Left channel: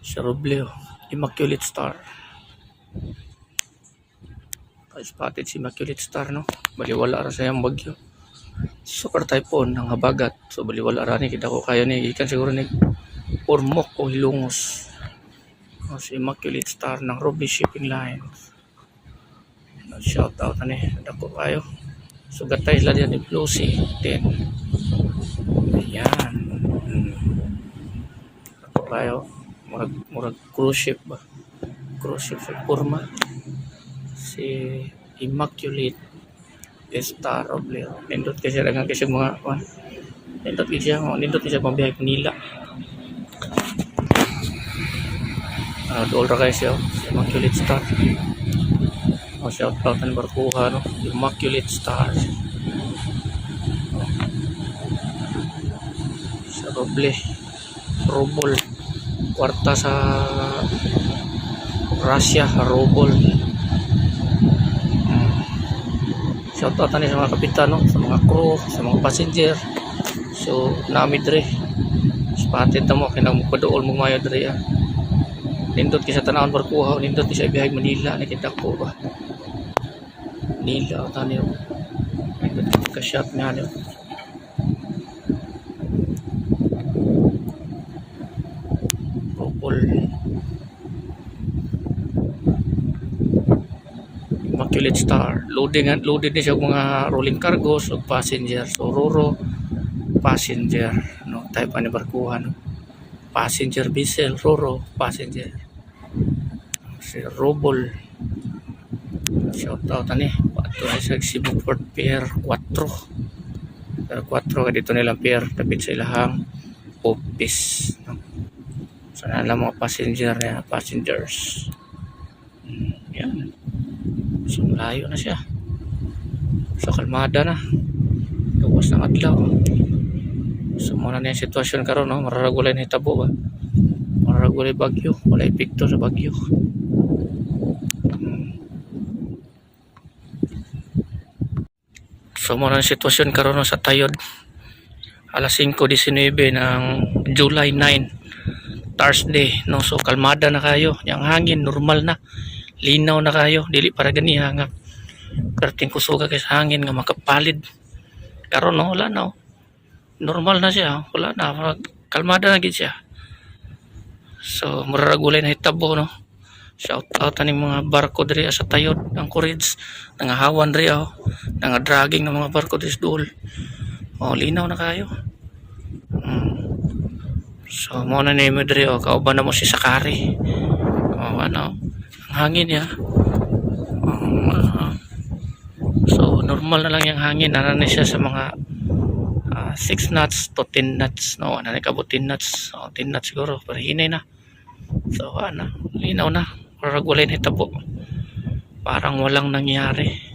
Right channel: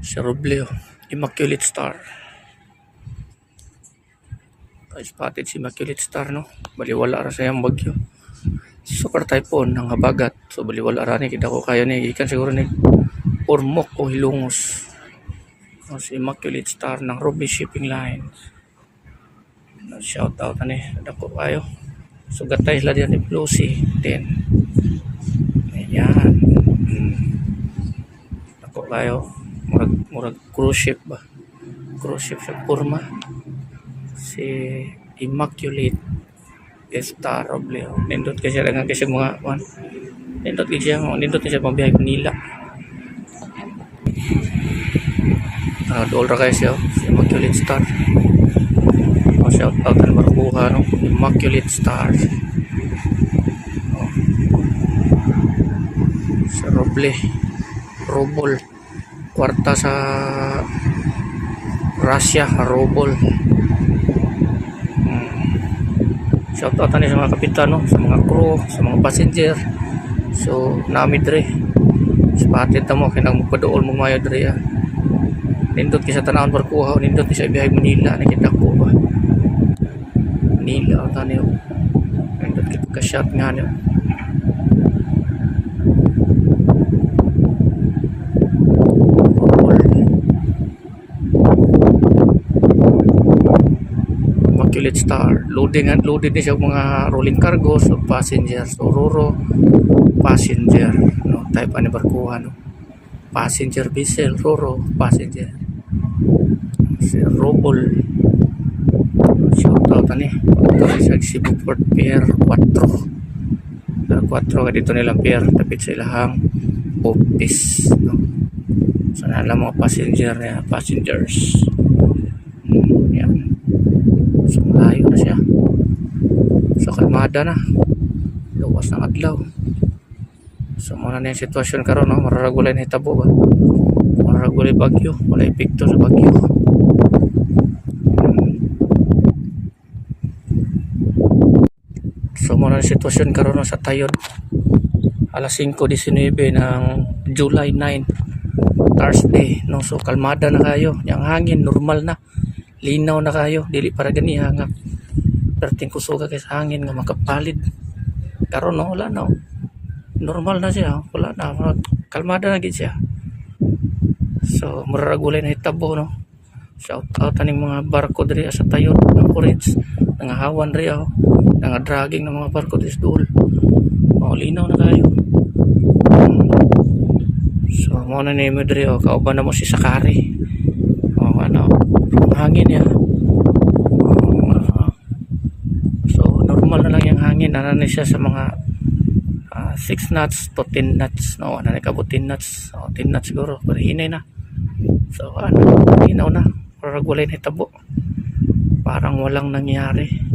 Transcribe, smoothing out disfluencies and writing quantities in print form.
Si Robleo, Immaculate Star. Spotted si Immaculate Star, no? Baliwala ra sa yung bagyo. Super typhoon ng habagat. So baliwala ra ni kita ko kayo ni ikan siguro ni Ormoc o Hilongos. Si Immaculate Star ng Ruby Shipping Lines. Shout out ani, dako kayo. Sugatay sila diyan ni Lucy 10. Ayan. Dako kayo. Murag cruise ship ba? Cruise ship sa forma. Si Immaculate Star Robleo. Nindot kasi dagang kasi mga kuan. Nindot kasi pambiyahe Manila. Dool ra kayo siya, si Immaculate Star. Shout out ang barkuha, no? Immaculate Star. Sa Robol. Kwarta sa Russia, Robol. Shout out sa mga kapitan, no? Sa mga crew, sa mga passenger. So nami dre spotted na mo kinang magpadool mong mayo dre. Nindot kisa tanawon barkuha, nindot ni sa ibihay Manila, nakita ko ba Manila o taniyo, nindot ka shot nga niyo. Immaculate Star, loaded ni siya mga rolling cargos o passenger. So Roro passenger, no, type ani barkuha, no, passenger vessel, Roro passenger. Si Robol, shout out ani ito sa Cebu Port Pier 4 ka dito nilang pier tapit sa ilahang office, no. So nalang mga passengers. Yan. So malayo na siya. So kalmada na. Luwas ng adlaw. So muna na yung sitwasyon karon, no? Mararagulay na hitabo ba? Mararagulay bagyo. Wala epekto sa bagyo. So muna na yung sitwasyon karon, no? Sa Tayod. Alas 5:19 ng July 9. Thursday, no? So kalmada na kayo. Yung hangin normal na. Linaw na kayo, dili para gani hangak. Perting kusuga kay sa hangin nga makapalid. Karon, no, wala na. Normal na siya, wala na, kalmada na gid siya. So mararagulay na hitabo, no. Shout out aning mga barko diri sa Tayod, ang Courage, nangahawan diri nangadragging ng mga barko diri dool. Linaw na kayo. So mo na nimo diri kauban na mo si Sakari. Ano, hangin ya. So normal na lang yung hangin, na siya sa mga 6 knots to 10 knots, no, ano na kabot 10 knots, 10 knots siguro, pero hinay na. So linaw na, paragulay na hitabo, parang walang nangyari.